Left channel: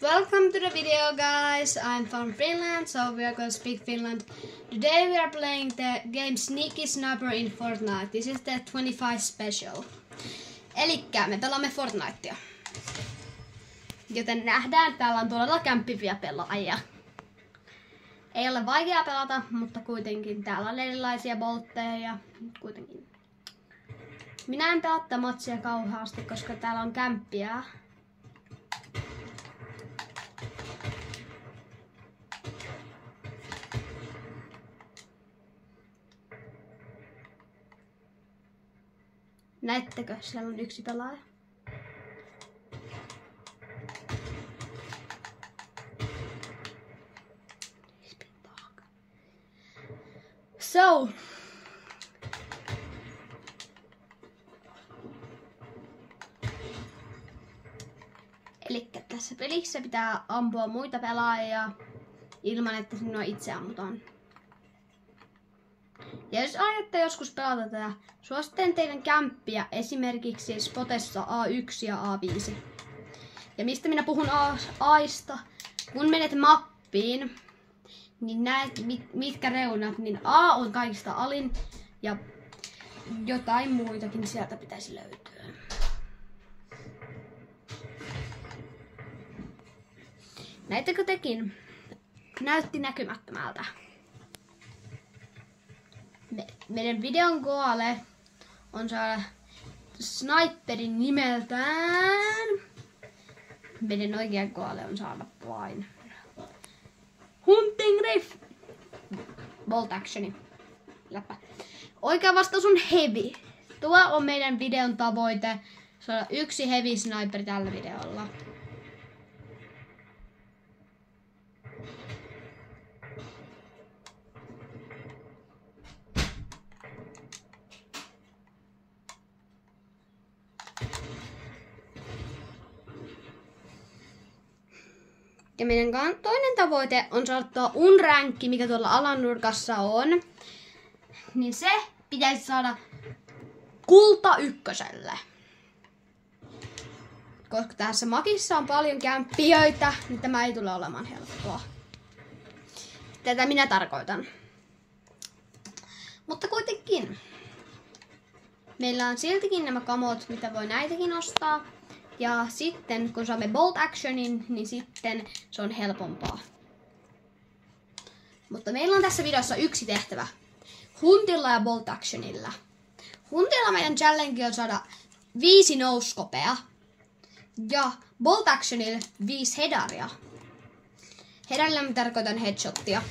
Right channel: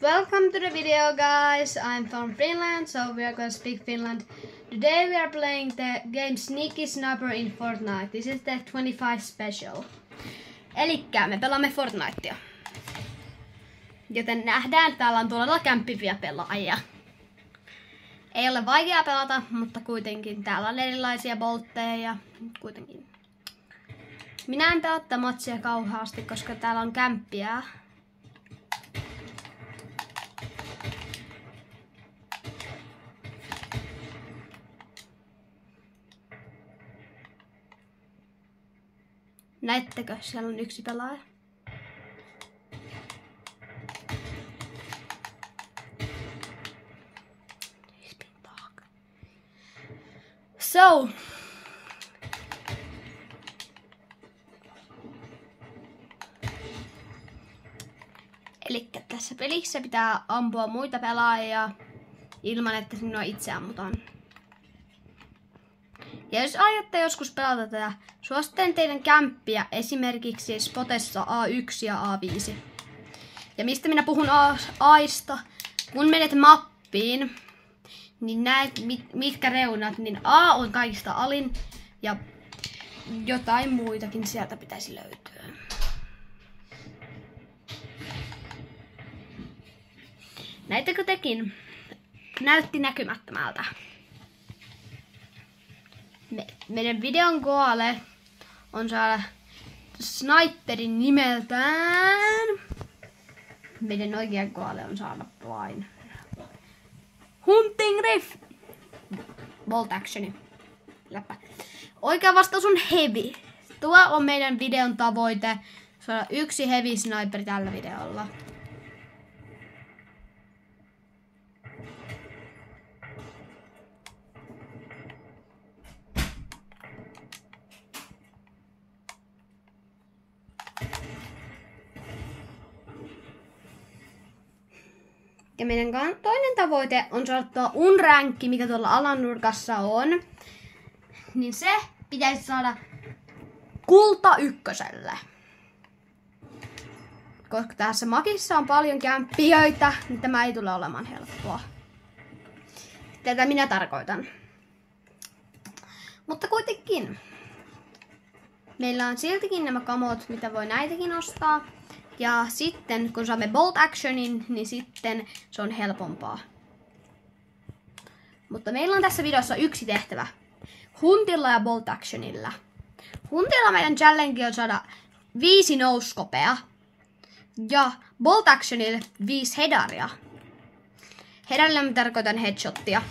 Welcome to the video, guys. I'm from Finland, so we are going to speak Finland. Today we are playing the game Sneaky Snapper in Fortnite. This is the 25 special. Elikkä me pelaamme Fortnitea. Joten nähdään, että täällä on todella kämppiviä pelaajia. Ei ole vaikea pelata, mutta kuitenkin täällä on erilaisia boltteja ja kuitenkin. Minä en pelaa tätä matsia kauheasti, koska täällä on kämppiä. Näettekö? Siellä on yksi pelaaja. So. Elikkä tässä pelissä pitää ampua muita pelaajia ilman, että sinua itse ammutaan. Ja jos aiotte joskus pelata tätä, suosittelen teidän kämppiä esimerkiksi spotessa A1 ja A5. Ja mistä minä puhun Aista, kun menet mappiin, niin näet mitkä reunat, niin A on kaikista alin ja jotain muitakin sieltä pitäisi löytyä. Näittekö tekin? Näytti näkymättömältä. Meidän videon goale on saada sniperin nimeltään. Meidän oikea goale on saada vain Hunting Riff. Bolt actioni. Läppä. Oikea vastaus on heavy. Tuo on meidän videon tavoite. Saada yksi heavy sniperi tällä videolla. Ja meidän toinen tavoite on saada tuo unrankki, mikä tuolla alanurkassa on. Niin se pitäisi saada kulta ykköselle. Koska tässä makissa on paljon kämppijöitä, niin tämä ei tule olemaan helppoa. Tätä minä tarkoitan. Mutta kuitenkin. Meillä on siltikin nämä kamot, mitä voi näitäkin ostaa. Ja sitten kun saamme bolt actionin, niin sitten se on helpompaa. Mutta meillä on tässä videossa yksi tehtävä. Huntilla ja bolt actionilla. Huntilla meidän challenge on saada 5 nouskopea. Ja bolt actionilla 5 hedaria. Hedarilla mä tarkoitan headshottia.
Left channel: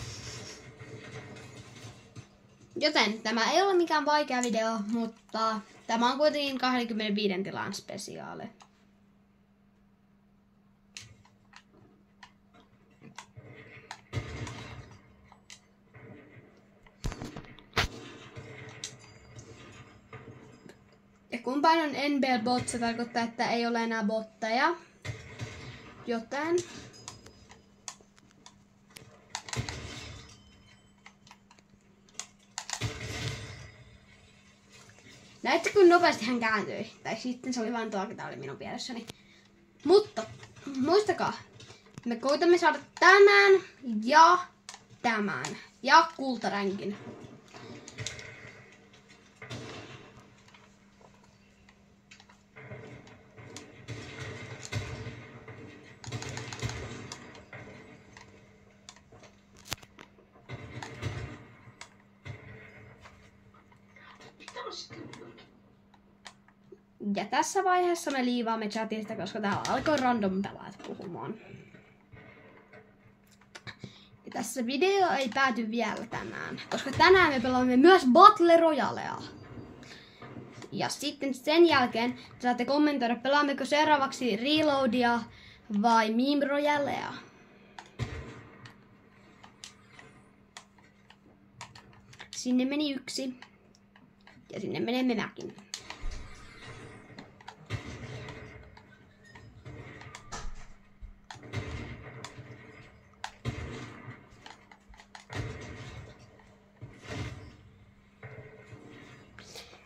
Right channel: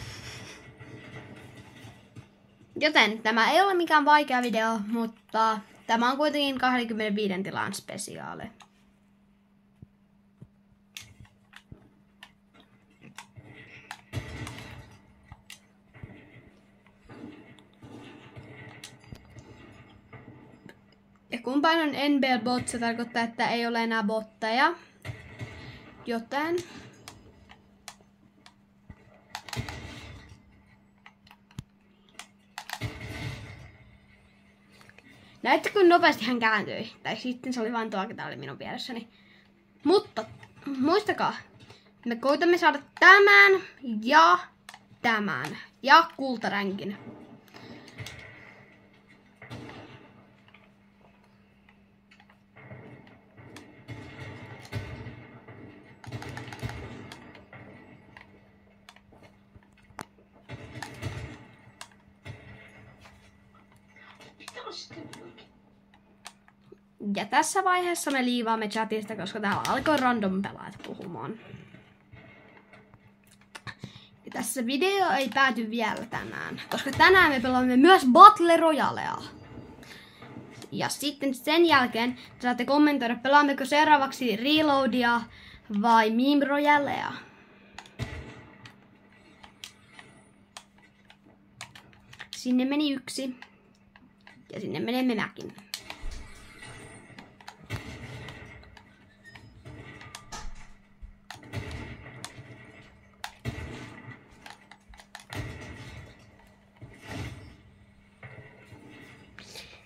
Joten tämä ei ole mikään vaikea video, mutta tämä on kuitenkin 25 tilan spesiaali. Ja kun painan NBL bot, se tarkoittaa, että ei ole enää botteja. Joten näette, kun nopeasti hän kääntyi. Tai sitten se oli vain tuo, ketä oli minun vieressäni. Mutta muistakaa, me koitamme saada tämän ja kultaränkin. Ja tässä vaiheessa me liivaamme chatista, koska täällä alkoi random pelaajat puhumaan. Ja tässä video ei pääty vielä tänään, koska tänään me pelaamme myös Battle Royalea. Ja sitten sen jälkeen saatte kommentoida, pelaammeko seuraavaksi Reloadia vai Meme Royalea. Sinne meni yksi. Ja sinne menemme mäkin.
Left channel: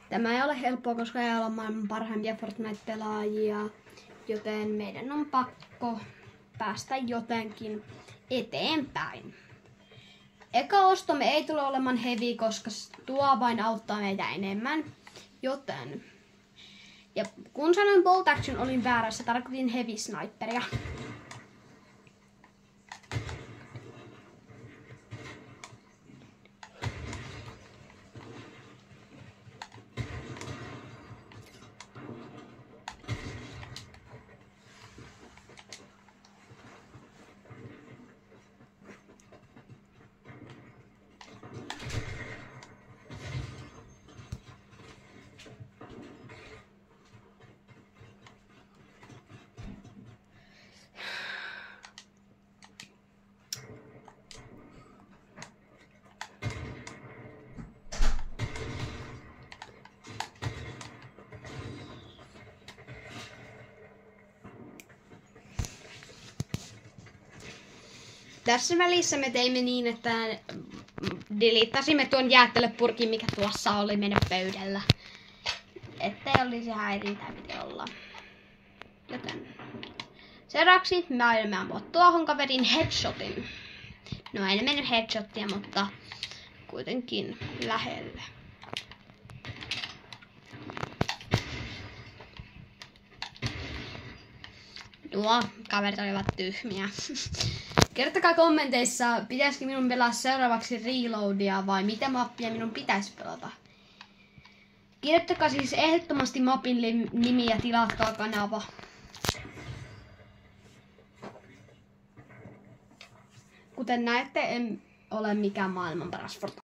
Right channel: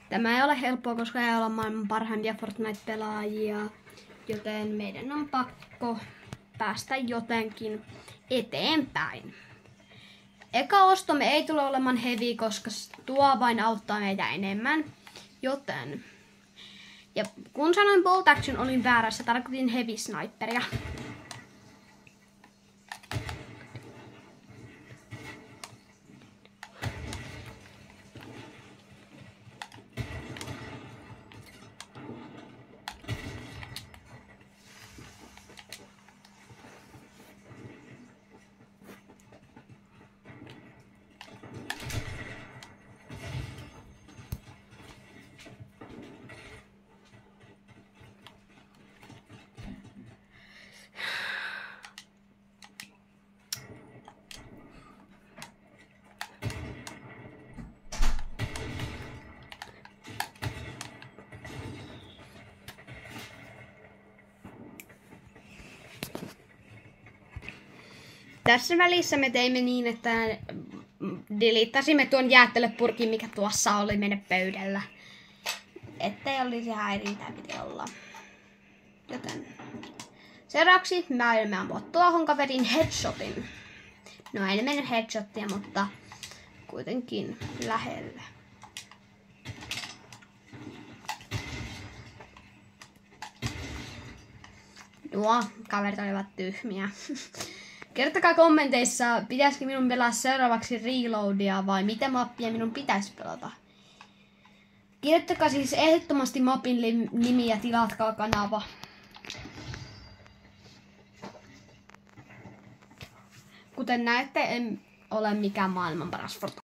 Tämä ei ole helppoa, koska ei ole maailman parhaimpia Fortnite-pelaajia, joten meidän on pakko päästä jotenkin eteenpäin. Eka ostomme ei tule olemaan heavy, koska tuo vain auttaa meitä enemmän. Joten. Ja kun sanoin bolt action, olin väärässä, tarkoitin heavy sniperia. Tässä välissä me teimme niin, että diliittasimme tuon jäätelöpurkin, mikä tuossa oli meidän pöydällä. Ettei olisi häirintää piti olla. Joten seuraavaksi mä aion ampua tuohon kaverin headshotin. No ei mennyt headshottia, mutta kuitenkin lähelle. Nuo kaverit olivat tyhmiä. Kertokaa kommenteissa, pitäisikö minun pelaa seuraavaksi Reloadia vai mitä mappia minun pitäisi pelata. Kirjoittakaa siis ehdottomasti mapin nimi ja tilatkaa kanava. Kuten näette, en ole mikään maailman paras